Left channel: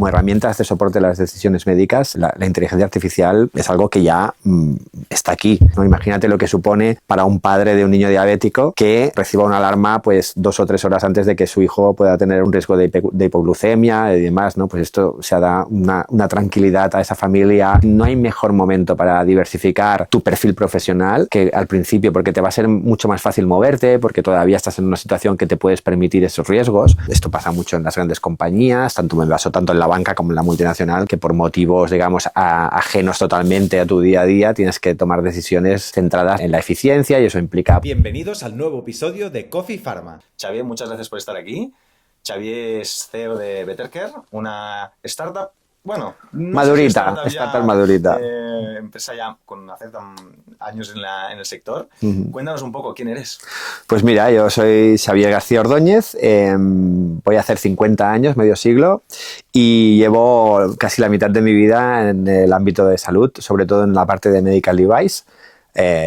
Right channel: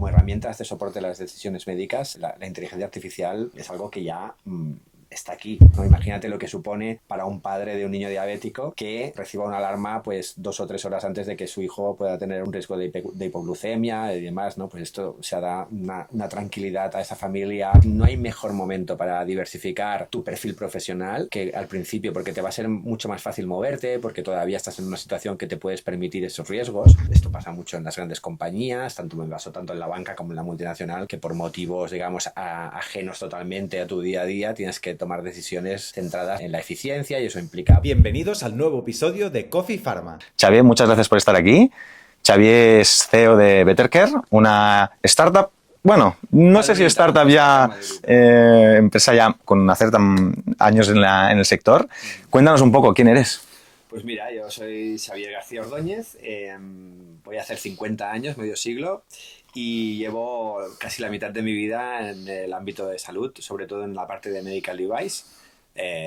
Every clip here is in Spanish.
como herramientas de soporte de las decisiones médicas, la inteligencia artificial es algo que ya está aquí, ¿no? Imagínate lo que supone para un padre de un niño diabético que reciba una alarma pues 2 o 3 horas antes de que su hijo pueda tener un riesgo de hipoglucemia y demás, ¿no? Pues esto se da una tranquilidad a esa familia. No hay mejor momento para diversificar tu perfil profesional que al principio, porque te va a ser mucho más fácil moverte, porque todavía estás en una situación que te puedes permitir esos riesgos. Esto pasa mucho en las grandes compañías, tanto en la banca como en la multinacional, que por motivos, digamos, ajenos totalmente a tu día a día, tienes que tomar decisiones centradas en la eficiencia y eso implica... Bienvenidos al nuevo episodio de Coffee Pharma. Xavier, muchas gracias por estar aquí. Xavier es CEO de Bettercare, una startup. Bueno, no madurita, sé si startup ya, empresa ya con hacer años en el sector. Cuéntanos un poco, ¿quién eres? Pues mira, yo soy Xavier García Ordóñez, voy a hacer 50 años, medio siglo, y llevo casi la mitad de mi vida en el ámbito de salud, sobre todo en la parte de medical device.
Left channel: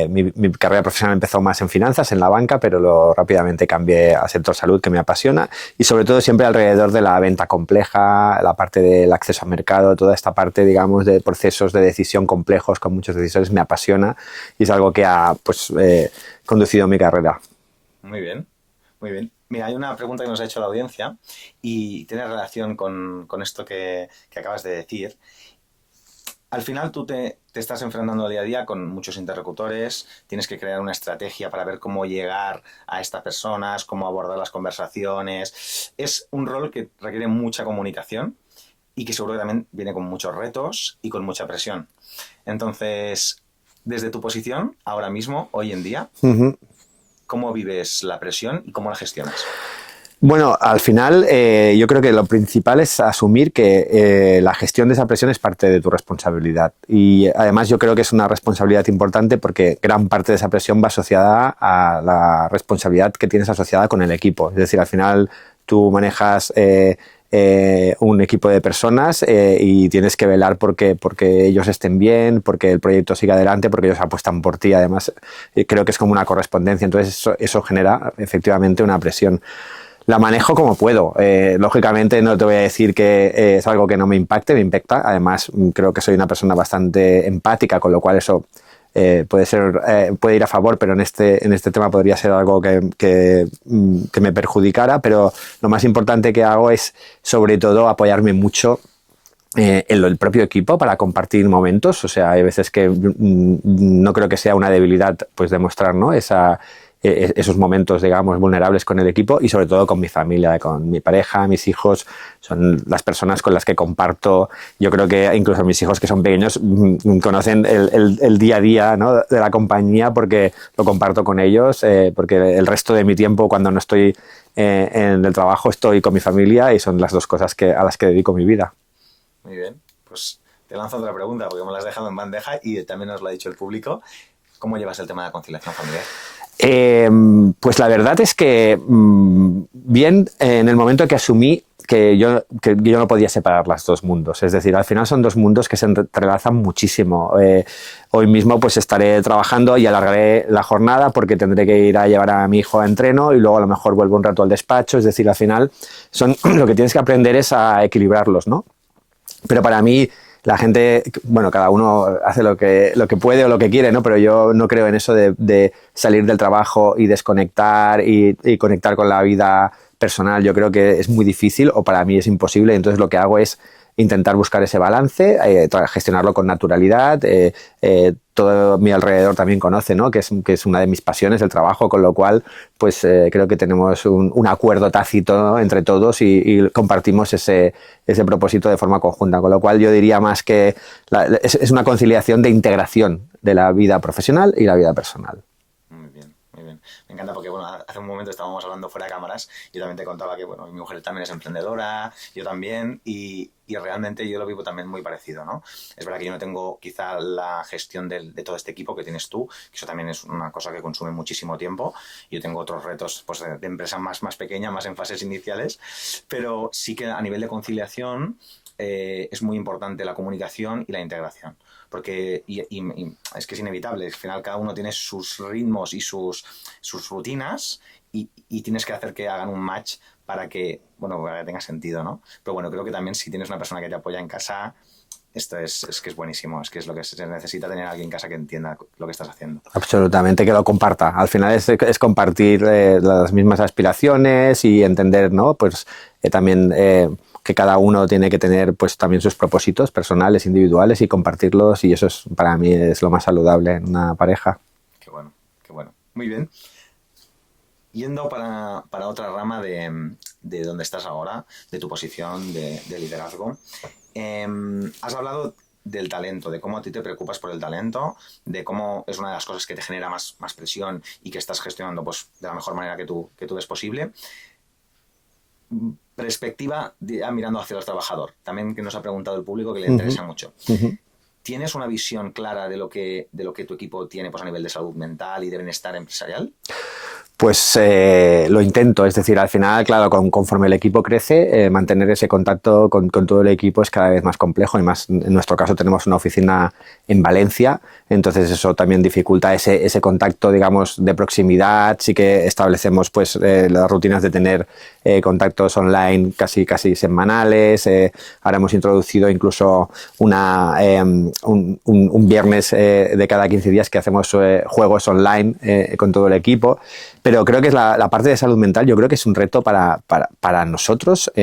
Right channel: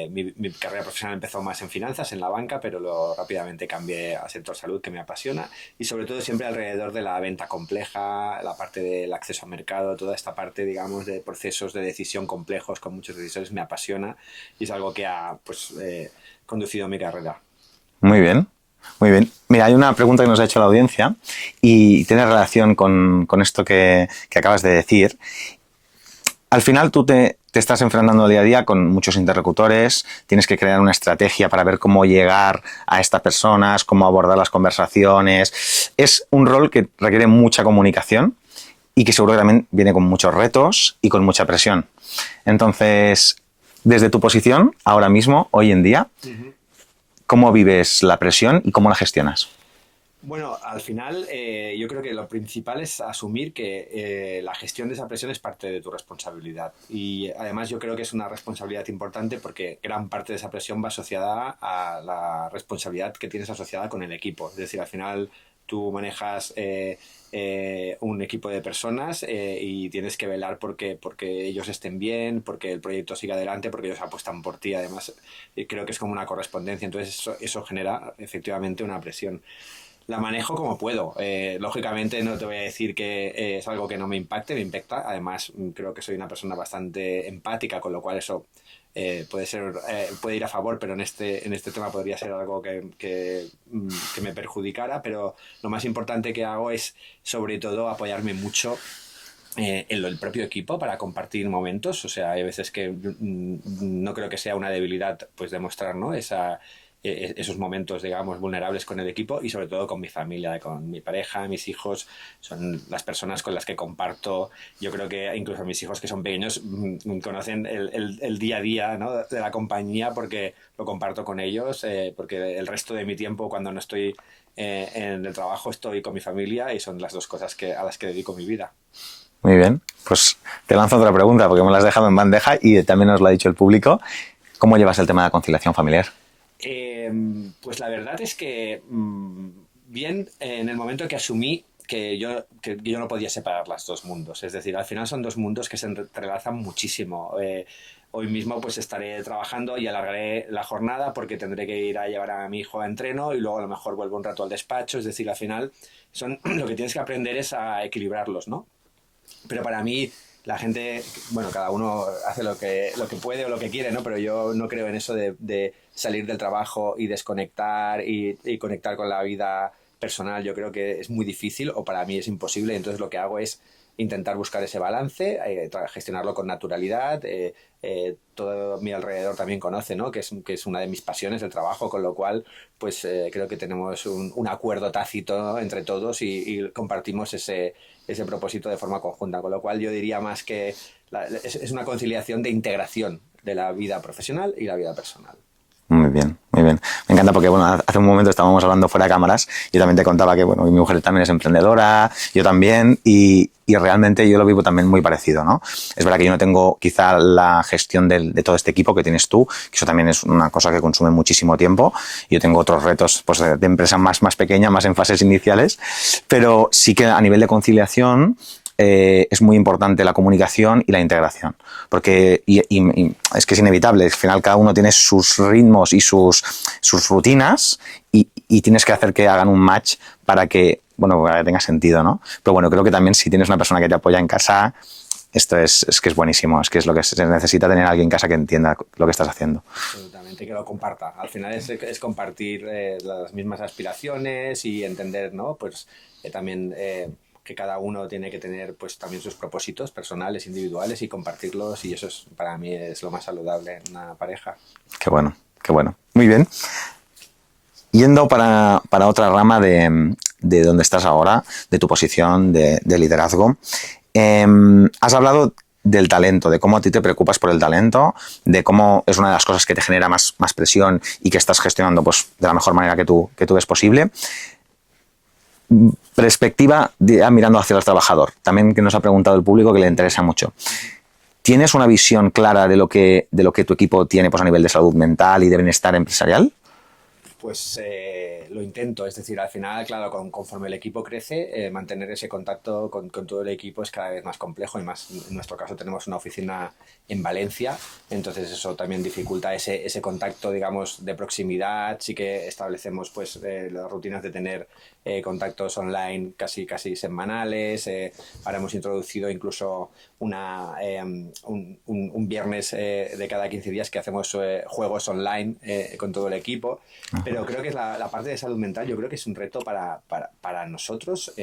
Mi carrera profesional empezó más en finanzas, en la banca, pero rápidamente cambié al sector salud, que me apasiona, y sobre todo siempre alrededor de la venta compleja, la parte del acceso al mercado, toda esta parte, digamos, de procesos de decisión complejos con muchos decisores me apasiona y es algo que ha conducido mi carrera. Muy bien, muy bien. Mira, hay una pregunta que nos ha hecho la audiencia y tiene relación con esto que acabas de decir. Al final tú te estás enfrentando día a día con muchos interlocutores, tienes que crear una estrategia para ver cómo llegar a estas personas, cómo abordar las conversaciones. Es un rol que requiere mucha comunicación y que seguro que también viene con muchos retos y con mucha presión. Entonces, desde tu posición, ahora mismo, hoy en día, ¿cómo vives la presión y cómo la gestionas? Bueno, al final yo creo que lo principal es asumir que la gestión de esa presión es parte de tu responsabilidad y además yo creo que es una responsabilidad importante porque gran parte de esa presión va asociada a la responsabilidad que tienes asociada con el equipo. Es decir, al final tú manejas un equipo de personas y tienes que velar porque ellos estén bien, porque el proyecto siga adelante, porque ellos apuestan por ti. Además, creo que es como una correspondencia. Entonces eso genera efectivamente una presión. La manejo como puedo. Lógicamente no te voy a decir que es algo que no me impacte, me impacta. Además, creo que soy una persona bastante empática, con lo cual eso puede ir a favor, pero en este tema podría ser algo que me perjudicara. Pero lo más importante que hago es, sobre todo, apoyarme mucho en el propio equipo para compartir momentos. O sea, hay veces que no creo que sea una debilidad pues demostrar, ¿no? Esos momentos, digamos, vulnerables con el equipo y sobre todo con mi familia, con mi pareja, mis hijos, son las personas con las que comparto. Yo creo que incluso mis hijos que son pequeños conocen el día a día, ¿no? de la compañía porque lo comparto con ellos, porque el resto de mi tiempo cuando no estoy en el trabajo estoy con mi familia y son las dos cosas a las que dedico mi vida. Muy bien, pues te lanzo otra pregunta porque me la has dejado en bandeja y también nos lo ha dicho el público. ¿Cómo llevas el tema de la conciliación familiar? Pues la verdad es que bien en el momento que asumí que yo no podía separar los dos mundos. Es decir, al final son dos mundos que se entrelazan muchísimo. Hoy mismo pues estaré trabajando y alargaré la jornada porque tendré que ir a llevar a mi hijo a entreno y luego a lo mejor vuelvo un rato al despacho. Es decir, al final lo que tienes que aprender es a equilibrarlos, ¿no? Pero para mí la gente, bueno, cada uno hace lo que puede o lo que quiere, ¿no? Pero yo no creo en eso de salir del trabajo y desconectar y conectar con la vida personal. Yo creo que es muy difícil o para mí es imposible. Entonces lo que hago es intentar buscar ese balance, gestionarlo con naturalidad. Todo mi alrededor también conoce, ¿no? que es una de mis pasiones, el trabajo, con lo cual pues creo que tenemos un acuerdo tácito, ¿no? entre todos y compartimos ese propósito de forma conjunta, con lo cual yo diría más que es una conciliación de integración de la vida profesional y la vida personal. Muy bien, muy bien. Me encanta porque, bueno, hace un momento estábamos hablando fuera de cámaras. Yo también te contaba que, bueno, mi mujer también es emprendedora, yo también, y realmente yo lo vivo también muy parecido, ¿no? Es verdad que yo no tengo quizá la gestión de todo este equipo que tienes tú, que eso también es una cosa que consume muchísimo tiempo. Yo tengo otros retos pues, de empresa más pequeña, más en fases iniciales, pero sí que a nivel de conciliación es muy importante la comunicación y la integración, porque y es que es inevitable, al final cada uno tiene sus ritmos y sus rutinas y tienes que hacer que hagan un match para que bueno, para que tenga sentido, ¿no? Pero bueno, creo que también si tienes una persona que te apoya en casa, esto es que es buenísimo, es que es lo que se necesita, tener a alguien en casa que entienda lo que estás haciendo. Absolutamente, que lo comparta. Al final es compartir las mismas aspiraciones y entender, ¿no? Pues también que cada uno tiene que tener pues también sus propósitos personales, individuales y compartirlos, y eso es, para mí es lo más saludable en una pareja. Qué bueno, qué bueno. Muy bien. Yendo para otra rama de donde estás ahora, de tu posición de liderazgo, has hablado del talento, de cómo a ti te preocupas por el talento, de cómo es una de las cosas que te genera más presión y que estás gestionando pues, de la mejor manera que tú ves posible. Perspectiva mirando hacia el trabajador, también que nos ha preguntado el público que le interesa mucho. ¿Tienes una visión clara de lo que tu equipo tiene pues, a nivel de salud mental y de bienestar empresarial? Pues lo intento, es decir, al final, claro, conforme el equipo crece, mantener ese contacto con todo el equipo es cada vez más complejo, y más en nuestro caso tenemos una oficina en Valencia, entonces eso también dificulta ese contacto, digamos, de proximidad. Sí que establecemos pues las rutinas de tener contactos online casi semanales. Ahora hemos introducido incluso un viernes de cada 15 días que hacemos juegos online con todo el equipo. Pero creo que es la parte de salud mental, yo creo que es un reto para nosotros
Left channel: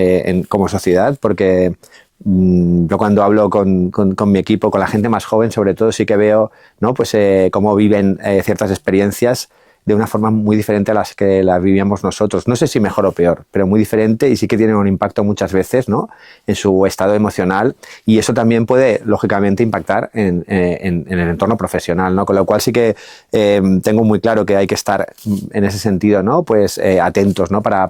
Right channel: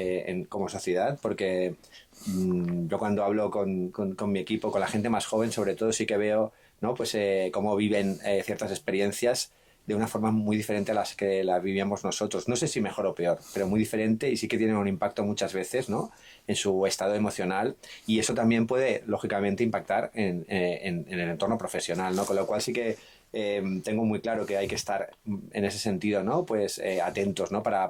como sociedad, porque yo cuando hablo con mi equipo, con la gente más joven sobre todo, sí que veo, ¿no? Pues cómo viven ciertas experiencias de una forma muy diferente a las que las vivíamos nosotros. No sé si mejor o peor, pero muy diferente, y sí que tienen un impacto muchas veces, ¿no? En su estado emocional, y eso también puede, lógicamente, impactar en el entorno profesional, ¿no? Con lo cual sí que tengo muy claro que hay que estar en ese sentido, ¿no? Pues atentos, ¿no? Para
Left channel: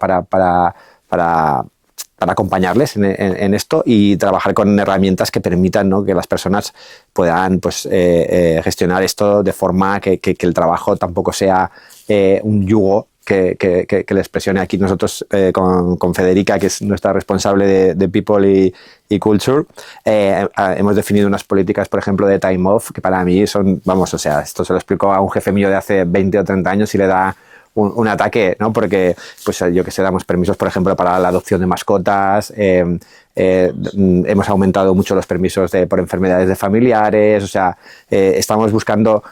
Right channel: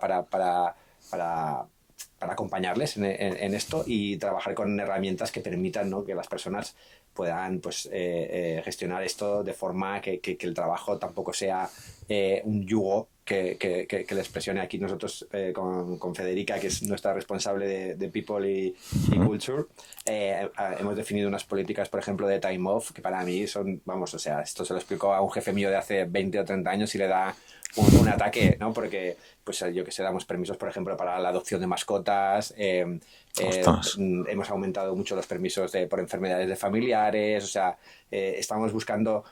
acompañarles en esto y trabajar con herramientas que permitan, ¿no? Que las personas puedan pues, gestionar esto de forma que el trabajo tampoco sea un yugo que les presione. Aquí nosotros con Federica, que es nuestra responsable de People y Culture, hemos definido unas políticas, por ejemplo, de time off, que para mí son, vamos, o sea, esto se lo explico a un jefe mío de hace 20 o 30 años y le da un ataque, ¿no? Porque, pues yo que sé, damos permisos, por ejemplo, para la adopción de mascotas, hemos aumentado mucho los permisos por enfermedades de familiares, o sea, estamos buscando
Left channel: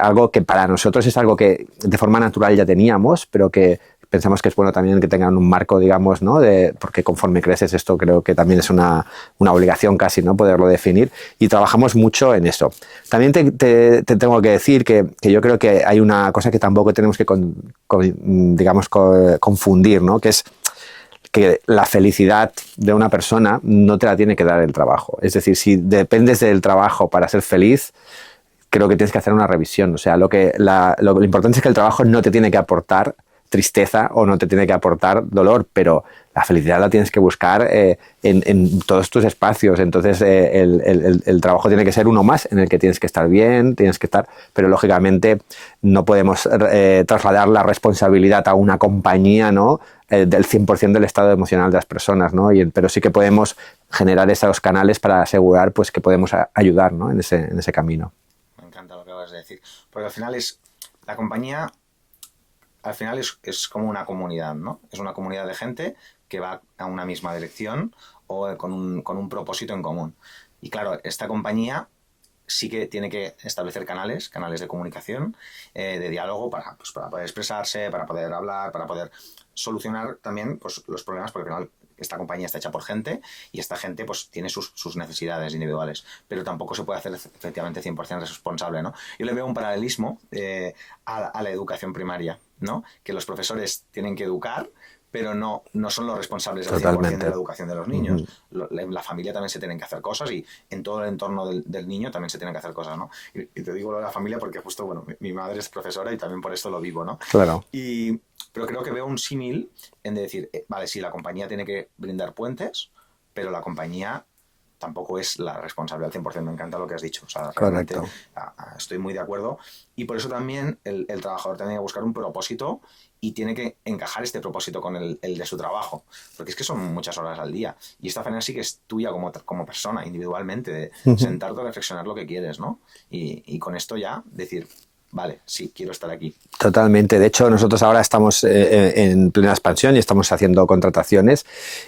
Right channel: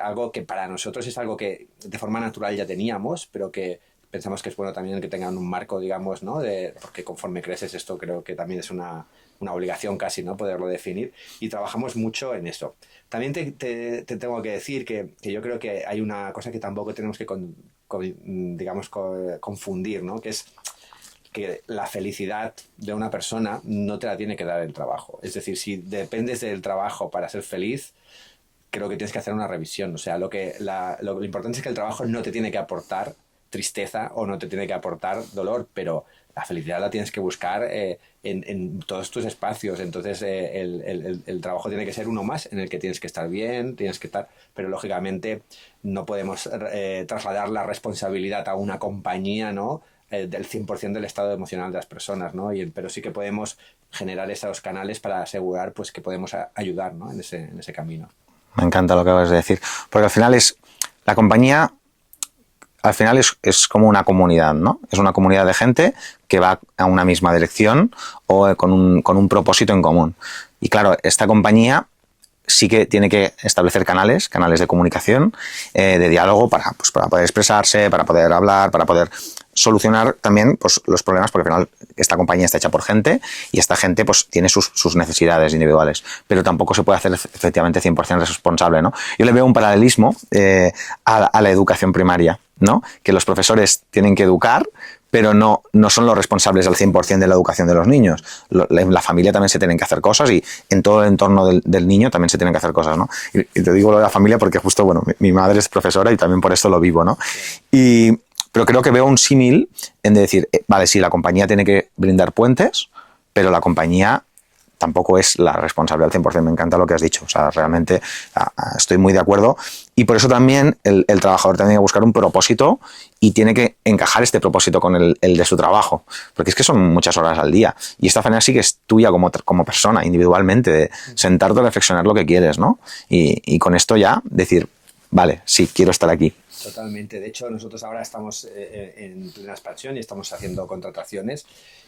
algo que para nosotros es algo que de forma natural ya teníamos, pero que pensamos que es bueno también que tengan un marco, digamos, ¿no? Porque conforme creces esto creo que también es una obligación casi, ¿no? Poderlo definir, y trabajamos mucho en eso. También te tengo que decir que yo creo que hay una cosa que tampoco tenemos que digamos, confundir, ¿no? Que es que la felicidad de una persona no te la tiene que dar el trabajo. Es decir, si dependes del trabajo para ser feliz, creo que tienes que hacer una revisión. O sea, lo importante es que el trabajo no te tiene que aportar tristeza o no te tiene que aportar dolor, pero la felicidad la tienes que buscar en todos tus espacios. Entonces el trabajo tiene que ser uno más en el que tienes que estar bien, pero lógicamente no podemos trasladar la responsabilidad a una compañía, ¿no? Del 100% del estado emocional de las personas, ¿no? Pero sí que podemos generar esos canales para asegurar pues, que podemos ayudar, ¿no? en ese camino. Me encanta lo que acabas de decir, porque al final la compañía al final es como una comunidad, ¿no? Es una comunidad de gente que va a una misma dirección o con un propósito en común. Y claro, esta compañía sí que tiene que establecer canales de comunicación, de diálogo para poder expresarse, para poder hablar, para poder solucionar también pues, los problemas, porque al final esta compañía está hecha por gente y esta gente pues, tiene sus necesidades individuales, pero tampoco se puede hacer efectivamente 100% responsable, ¿no? Yo le veo un paralelismo a la educación primaria, ¿no? Que los profesores tienen que educar, pero no son los responsables al 100% de la educación de los niños. En la familia también se tienen que hacer cosas y en todo el entorno del niño también se tienen que hacer cosas, ¿no? Y te digo lo de la familia porque justo, bueno, mi madre es profesora y también por esto lo vivo, ¿no? Claro. Pero creo que veo un símil en decir, vale, sí, la compañía tiene que brindar puentes, pero la compañía tampoco es la responsable al 100%. Me encanta lo que has dicho. O sea, realmente estoy muy de acuerdo. Y por eso también el trabajador tiene que buscar un propósito y tiene que encajar este propósito con el de su trabajo. Porque es que son muchas horas al día. Y esta faena sí que es tuya como persona, individualmente, de sentarte a reflexionar lo que quieres, ¿no? Y con esto ya decir, vale, sí, quiero estar aquí. Totalmente. De hecho, nosotros ahora estamos en plena expansión y estamos haciendo contrataciones,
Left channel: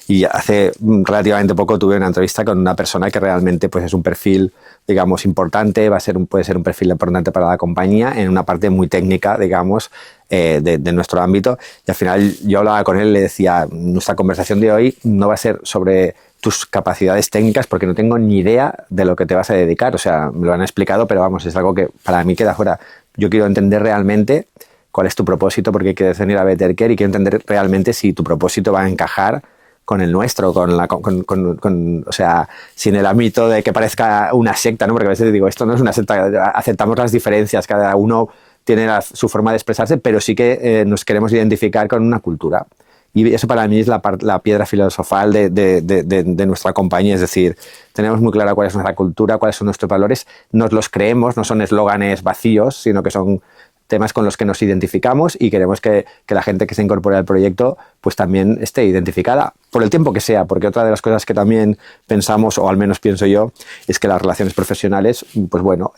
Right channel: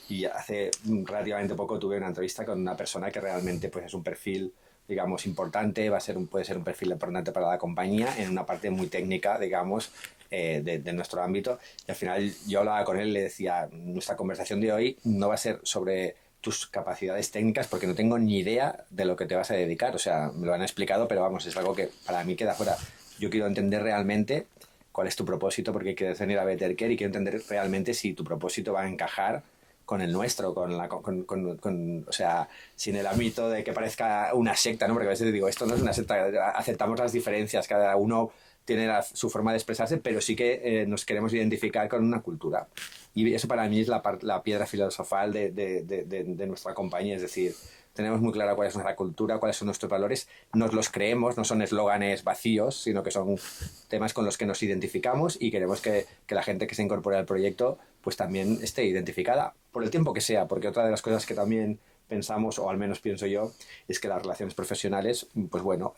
y hace relativamente poco tuve una entrevista con una persona que realmente pues, es un perfil, digamos, importante, puede ser un perfil importante para la compañía en una parte muy técnica, digamos, de nuestro ámbito. Y al final yo hablaba con él y le decía, nuestra conversación de hoy no va a ser sobre tus capacidades técnicas porque no tengo ni idea de lo que te vas a dedicar. O sea, me lo han explicado, pero vamos, es algo que para mí queda fuera. Yo quiero entender realmente cuál es tu propósito, porque quieres venir a Bettercare, y quiero entender realmente si tu propósito va a encajar con el nuestro, o sea, sin el ámbito de que parezca una secta, ¿no? Porque a veces digo, esto no es una secta, aceptamos las diferencias, cada uno tiene su forma de expresarse, pero sí que nos queremos identificar con una cultura. Y eso para mí es la piedra filosofal de nuestra compañía, es decir, tenemos muy clara cuál es nuestra cultura, cuáles son nuestros valores, nos los creemos, no son eslóganes vacíos, sino que son temas con los que nos identificamos, y queremos que la gente que se incorpore al proyecto pues también esté identificada, por el tiempo que sea, porque otra de las cosas que también pensamos, o al menos pienso yo, es que las relaciones profesionales, pues bueno,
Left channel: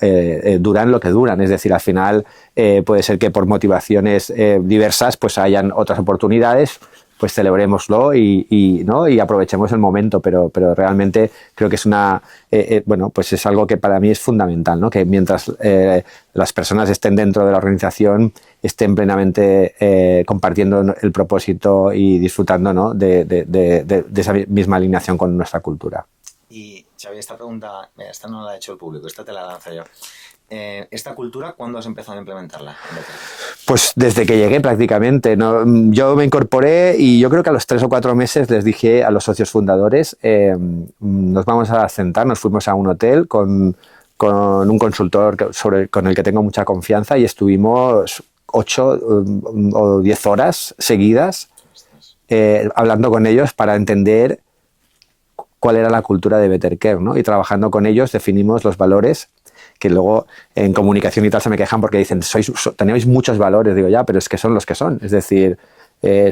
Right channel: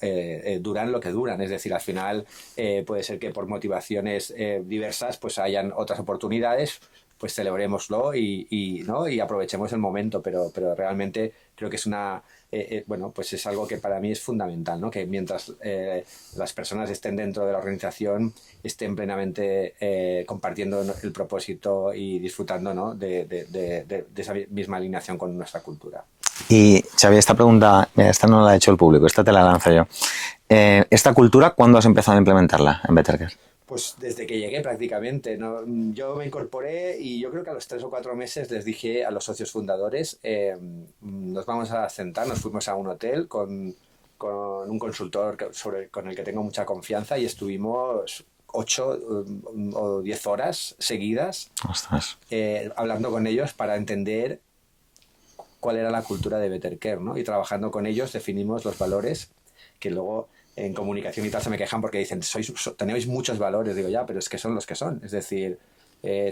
duran lo que duran, es decir, al final puede ser que por motivaciones diversas pues hayan otras oportunidades, pues celebrémoslo ¿no? Y aprovechemos el momento, pero realmente creo que es bueno, pues es algo que para mí es fundamental, ¿no? Que mientras las personas estén dentro de la organización, estén plenamente compartiendo el propósito y disfrutando, ¿no? de esa misma alineación con nuestra cultura. Y Xavi, esta pregunta, mira, esta no la ha hecho el público, esta te la lanzo yo. ¿Esta cultura cuándo has empezado a implementarla en Bettercare? Pues desde que llegué prácticamente, ¿no? Yo me incorporé y yo creo que a los 3 o 4 meses les dije a los socios fundadores, nos vamos a sentar, nos fuimos a un hotel con un consultor con el que tengo mucha confianza, y estuvimos 8 o 10 horas seguidas hablando con ellos para entender cuál era la cultura de Bettercare, ¿no? Y trabajando con ellos definimos los valores, que luego en comunicación y tal se me quejan porque dicen, tenéis muchos valores. Digo, ya, pero es que son los que son. Es decir,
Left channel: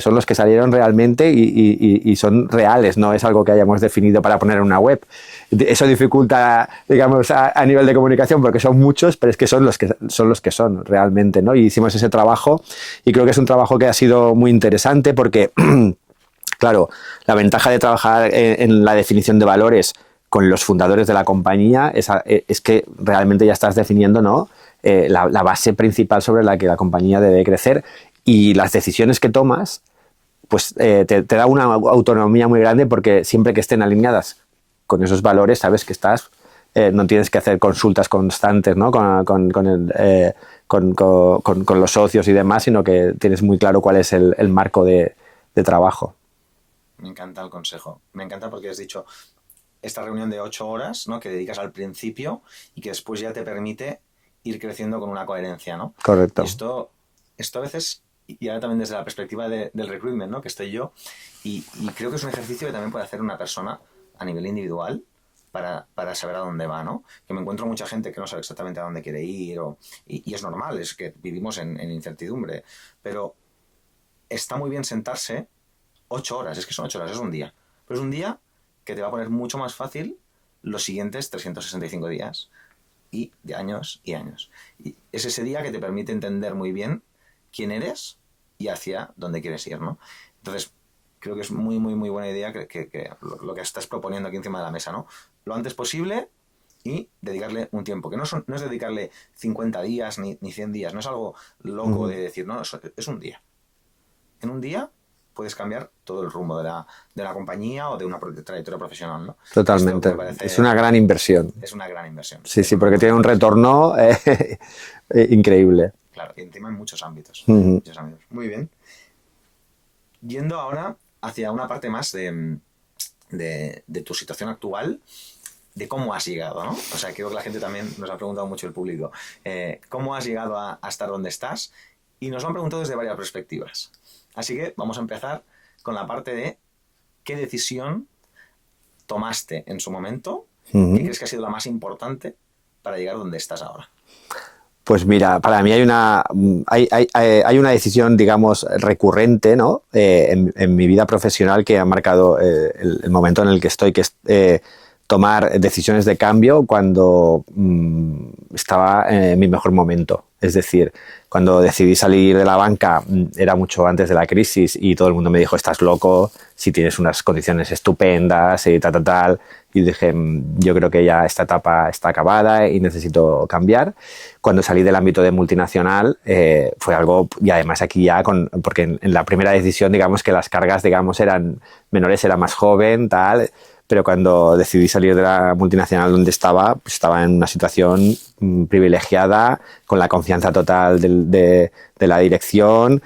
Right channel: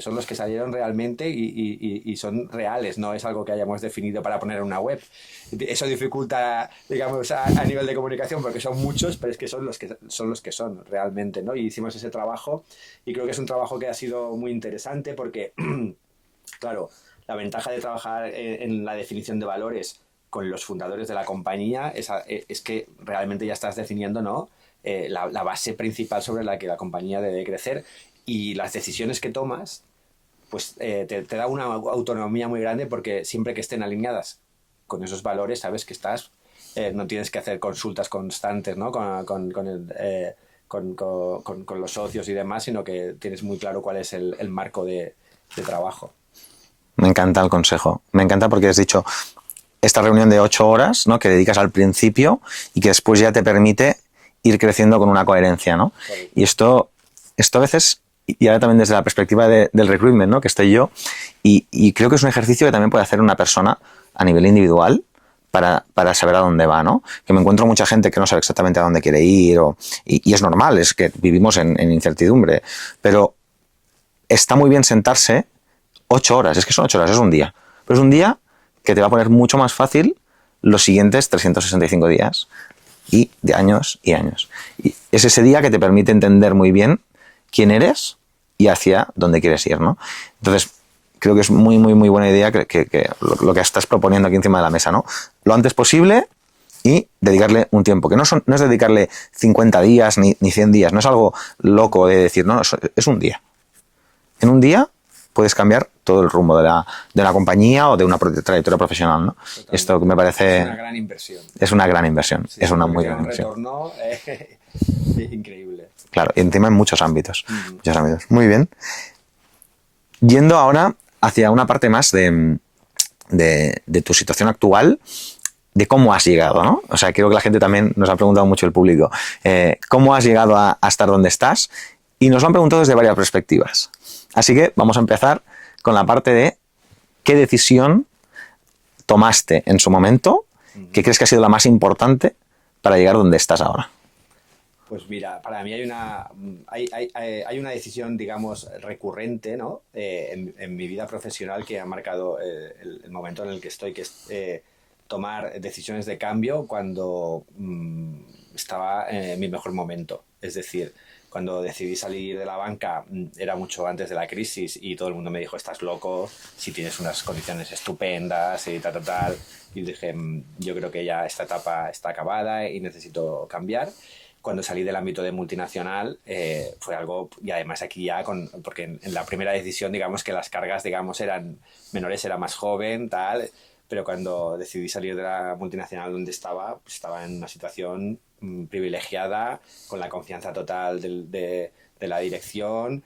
son los que salieron realmente y son reales, no es algo que hayamos definido para poner en una web. Eso dificulta, digamos, a nivel de comunicación, porque son muchos, pero es que son los que son realmente, ¿no? Y hicimos ese trabajo, y creo que es un trabajo que ha sido muy interesante porque, claro, la ventaja de trabajar en la definición de valores con los fundadores de la compañía es que realmente ya estás definiendo, ¿no? La base principal sobre la que la compañía debe crecer, y las decisiones que tomas pues te da una autonomía muy grande, porque siempre que estén alineadas con esos valores sabes que no tienes que hacer consultas constantes, ¿no? con los socios y demás, sino que tienes muy claro cuál es el marco de trabajo. Me encanta el consejo, me encanta porque has dicho esta reunión de 8 horas, ¿no? Que dedicas al principio y que después ya te permite ir creciendo con una coherencia, ¿no? Correcto. Y esto a veces, y ahora también desde la perspectiva del recruitment, ¿no? Que estoy yo, y creo que es un ejercicio que también puede hacer una persona a nivel individual para saber a dónde va, ¿no? Que me encuentro mucha gente que no sabe exactamente a dónde quiere ir, y es normal, es que vivimos en incertidumbre, pero está muy bien sentarse 8 horas, es que son 8 horas, es un día, pero es un día que te va a poner mucho más fácil los siguientes 365 días y de años y años. Y es ese día que te permite entender muy bien quién eres y hacia dónde quieres ir, ¿no? Entonces, creo que es muy, muy, muy buena idea que lo que estás proponiendo aquí encima de la mesa, ¿no? Lo antes posible y dedicarle un tiempo, que no es dedicarle 50 días ni 100 días, no es algo loco de decir, no, es un día. En un día puedes cambiar todo el rumbo de la compañía o de una trayectoria profesional, ¿no? Totalmente. Esto que me parece... Es una gran inversión. Es una gran inversión. Sí, porque tiene un retorno increíble. Claro, y encima en muchos ámbitos. Muchos ámbitos. Muy bien. Yendo ahora hacia una parte más de tu situación actual, de cómo has llegado, ¿no? O sea, creo que la gente también nos ha preguntado mucho, el público, cómo has llegado a estar donde estás, y nos lo han preguntado desde varias perspectivas. Así que vamos a empezar con la parte de qué decisión tomaste en su momento, que crees que ha sido la más importante para llegar donde estás ahora. Pues mira, para mí hay una decisión, digamos, recurrente, ¿no? En mi vida profesional, que ha marcado el momento en el que estoy, que es tomar decisiones de cambio cuando estaba en mi mejor momento. Es decir, cuando decidí salir de la banca era mucho antes de la crisis y todo el mundo me dijo, estás loco, si tienes unas condiciones estupendas y tal. Y dije, yo creo que ya esta etapa está acabada y necesito cambiar. Cuando salí del ámbito de multinacional fue algo, y además aquí ya, porque en la primera decisión, digamos que las cargas, digamos, eran menores, era más joven, tal, pero cuando decidí salir de la multinacional donde estaba, pues estaba en una situación privilegiada, con la confianza total de la dirección,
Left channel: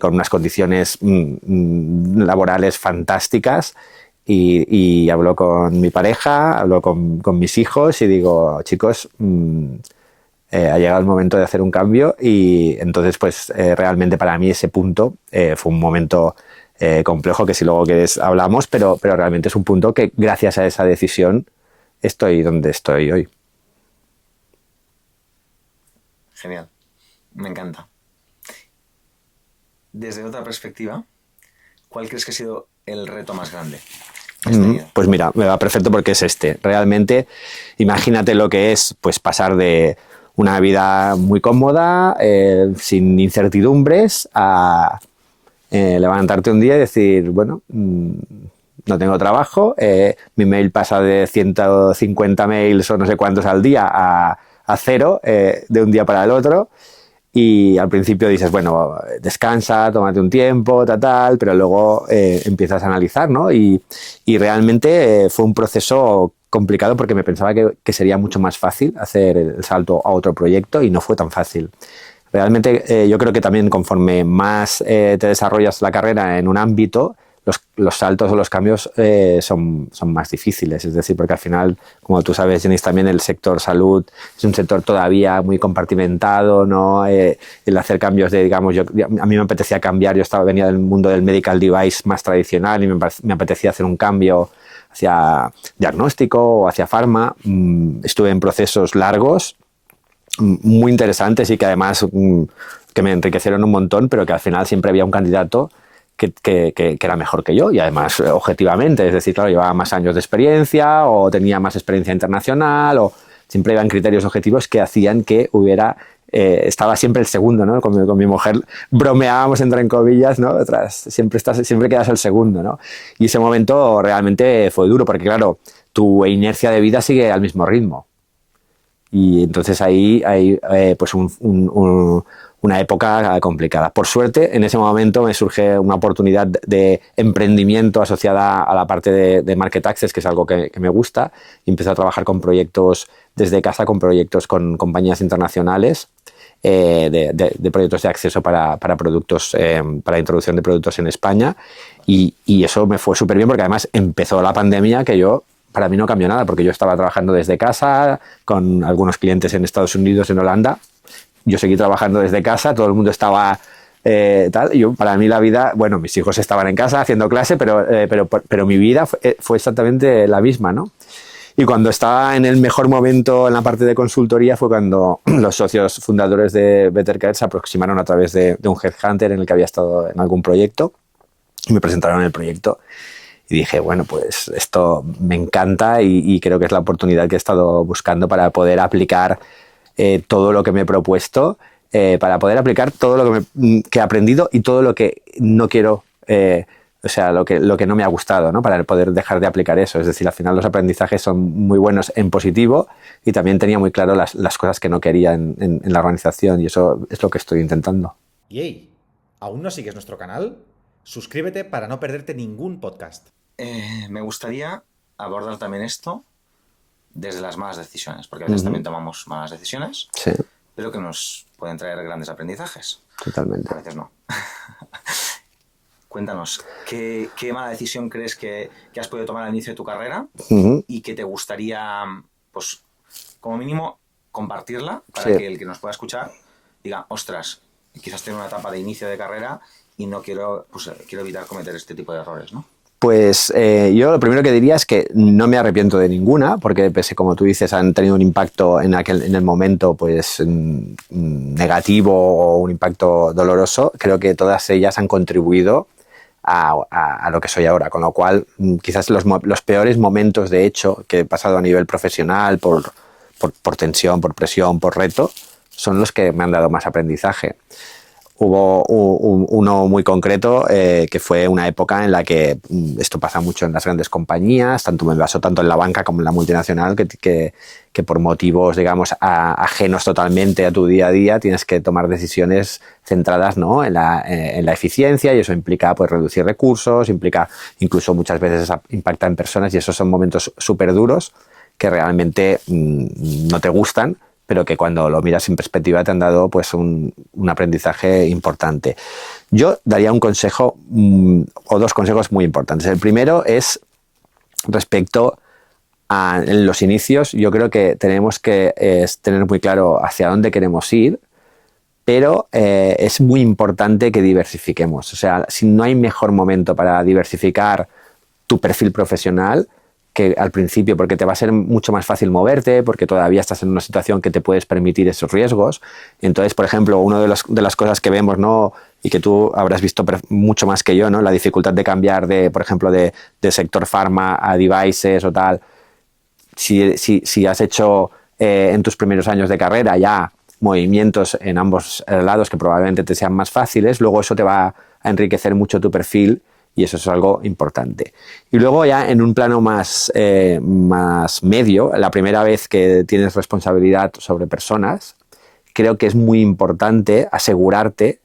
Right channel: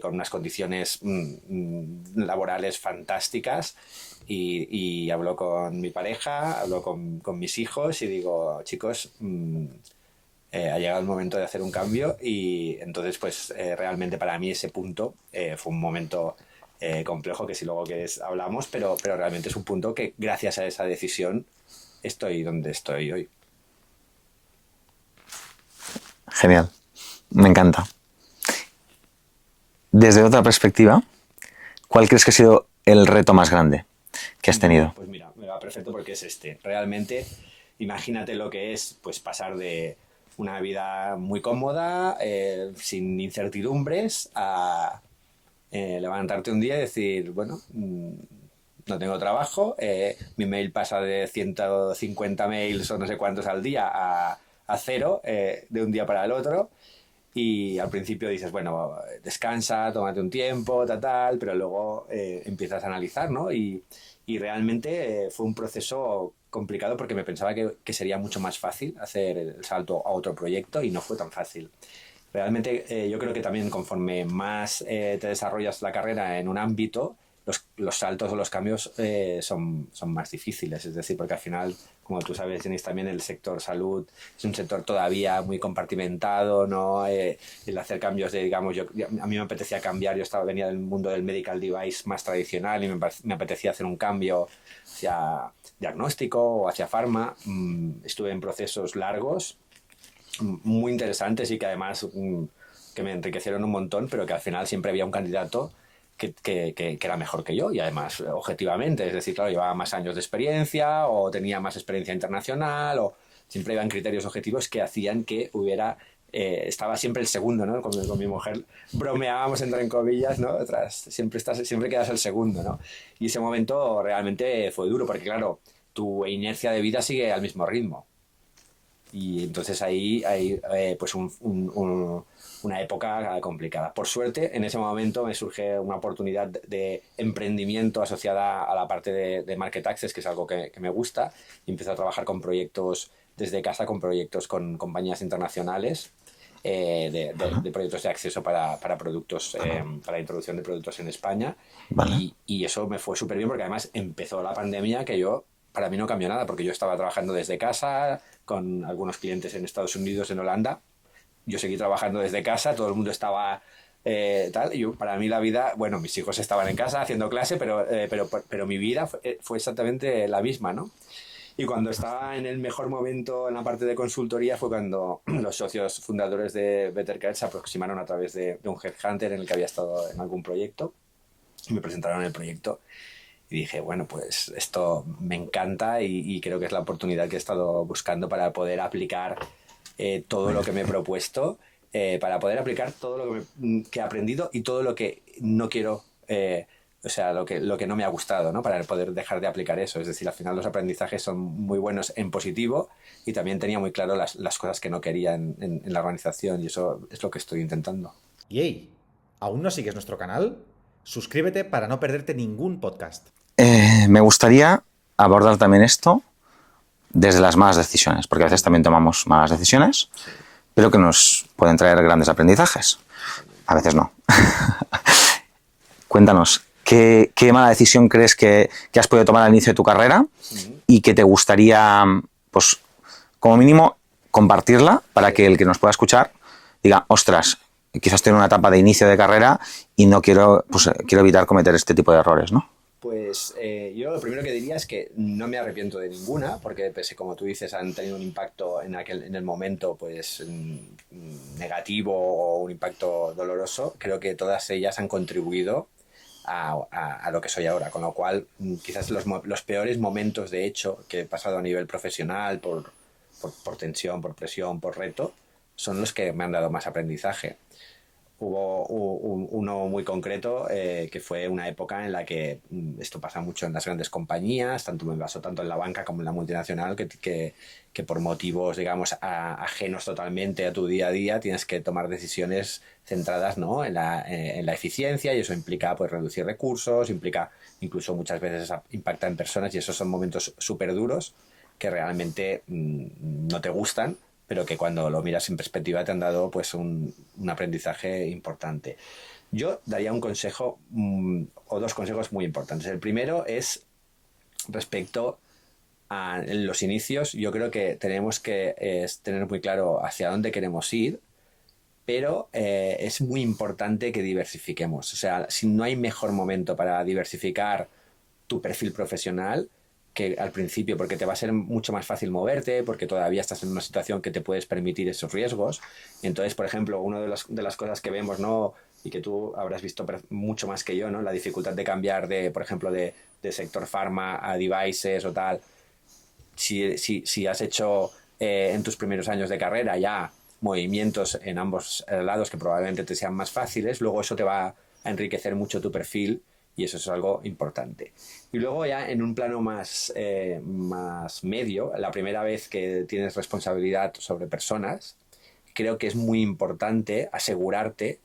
con unas condiciones laborales fantásticas. Y hablo con mi pareja, hablo con mis hijos y digo, chicos, ha llegado el momento de hacer un cambio. Y entonces, pues realmente para mí ese punto fue un momento complejo, que si luego quieres hablamos, pero realmente es un punto que gracias a esa decisión estoy donde estoy hoy. Genial, me encanta. Desde otra perspectiva, ¿cuál crees que ha sido el reto más grande que has tenido? Pues mira, me va perfecto porque es este. Realmente, imagínate lo que es pues pasar de una vida muy cómoda, sin incertidumbres, a levantarte un día y decir, bueno, no tengo trabajo, mi mail pasa de 150 mails o no sé cuántos al día a cero de un día para el otro. Y al principio dices, bueno, descansa, tómate un tiempo, tal, pero luego empiezas a analizar, ¿no? Y realmente fue un proceso complicado porque me pensaba que sería mucho más fácil hacer el salto a otro proyecto y no fue tan fácil. Realmente yo creo que también conforme más te desarrollas la carrera en un ámbito, los saltos o los cambios son más difíciles. Es decir, porque al final, como tú sabes, Jenis, también el sector salud es un sector todavía muy compartimentado, ¿no? El hacer cambios de, digamos, a mí me apetecía cambiar, venía del mundo del medical device más tradicional y me apetecía hacer un cambio hacia diagnóstico o hacia farma. Estuve en procesos largos, muy interesantes y que además que me enriquecieron un montón, pero que al final siempre había un candidato que era mejor que yo y además objetivamente, es decir, claro, llevaba más años de experiencia o tenía más experiencia internacional o siempre iban criterios objetivos que hacían que estaba siempre el segundo, ¿no? Con mi mujer bromeábamos entre comillas, ¿no? Siempre quedas el segundo, ¿no? Y ese momento realmente fue duro porque, claro, tu inercia de vida sigue al mismo ritmo. Y entonces ahí hay pues una época complicada. Por suerte, en ese momento me surge una oportunidad de emprendimiento asociada a la parte de Market Access, que es algo que me gusta, y empecé a trabajar con proyectos desde casa, con proyectos con compañías internacionales, de proyectos de acceso para productos, para introducción de productos en España. Vale. Y eso me fue súper bien porque además empezó la pandemia que para mí no cambió nada, porque yo estaba trabajando desde casa con algunos clientes en Estados Unidos, en Holanda. Yo seguí trabajando desde casa, todo el mundo estaba tal. Y para mí la vida, bueno, mis hijos estaban en casa haciendo clase, pero mi vida fue exactamente la misma, ¿no? Y cuando estaba en el mejor momento en la parte de consultoría fue cuando los socios fundadores de Bettercare se aproximaron a través de un headhunter en el que había estado en algún proyecto y me presentaron el proyecto. Y dije, bueno, pues esto me encanta y creo que es la oportunidad que he estado buscando para poder aplicar todo lo que me he propuesto, para poder aplicar todo lo que he aprendido y todo lo que no quiero, o sea, lo que no me ha gustado, ¿no? Para poder dejar de aplicar eso. Es decir, al final los aprendizajes son muy buenos en positivo y también tenía muy claro las cosas que no quería en la organización y eso es lo que estoy intentando. Yey, ¿aún no sigues nuestro canal? Suscríbete para no perderte ningún podcast. Me gustaría abordar también esto desde las malas decisiones, porque a veces también tomamos malas decisiones, sí, pero que nos pueden traer grandes aprendizajes. Totalmente. A veces no. Cuéntanos, ¿qué mala decisión crees que has podido tomar al inicio de tu carrera y que te gustaría, pues, como mínimo, compartirla para que el que nos pueda escuchar diga, ostras, quizás estoy en una etapa de inicio de carrera y no quiero evitar cometer este tipo de errores, ¿no? Pues yo lo primero que diría es que no me arrepiento de ninguna, porque pese, como tú dices, han tenido un impacto en el momento pues negativo o un impacto doloroso. Creo que todas ellas han contribuido a lo que soy ahora. Con lo cual, quizás los peores momentos, de hecho, que he pasado a nivel profesional por tensión, por presión, por reto, son los que me han dado más aprendizaje. Hubo uno muy concreto que fue una época en la que esto pasa mucho en las grandes compañías, me pasó tanto en la banca como en la multinacional, que por motivos, digamos, ajenos totalmente a tu día a día, tienes que tomar decisiones centradas, ¿no?, en la eficiencia, y eso implica pues reducir recursos, implica incluso muchas veces impacta en personas, y esos son momentos súper duros que realmente no te gustan, pero que cuando lo miras en perspectiva te han dado pues un aprendizaje importante. Yo daría un consejo o dos consejos muy importantes. El primero es respecto a los inicios. Yo creo que tenemos que tener muy claro hacia dónde queremos ir, pero es muy importante que diversifiquemos. O sea, si no hay mejor momento para diversificar tu perfil profesional que al principio, porque te va a ser mucho más fácil moverte, porque todavía estás en una situación que te puedes permitir esos riesgos. Entonces, por ejemplo, una de las cosas que vemos, ¿no?, y que tú habrás visto mucho más que yo, ¿no?, la dificultad de cambiar por ejemplo, de sector pharma a devices o tal. Si has hecho en tus primeros años de carrera ya movimientos en ambos lados que probablemente te sean más fáciles, luego eso te va a enriquecer mucho tu perfil, y eso es algo importante. Y luego ya en un plano más medio, la primera vez que tienes responsabilidad sobre personas, creo que es muy importante asegurarte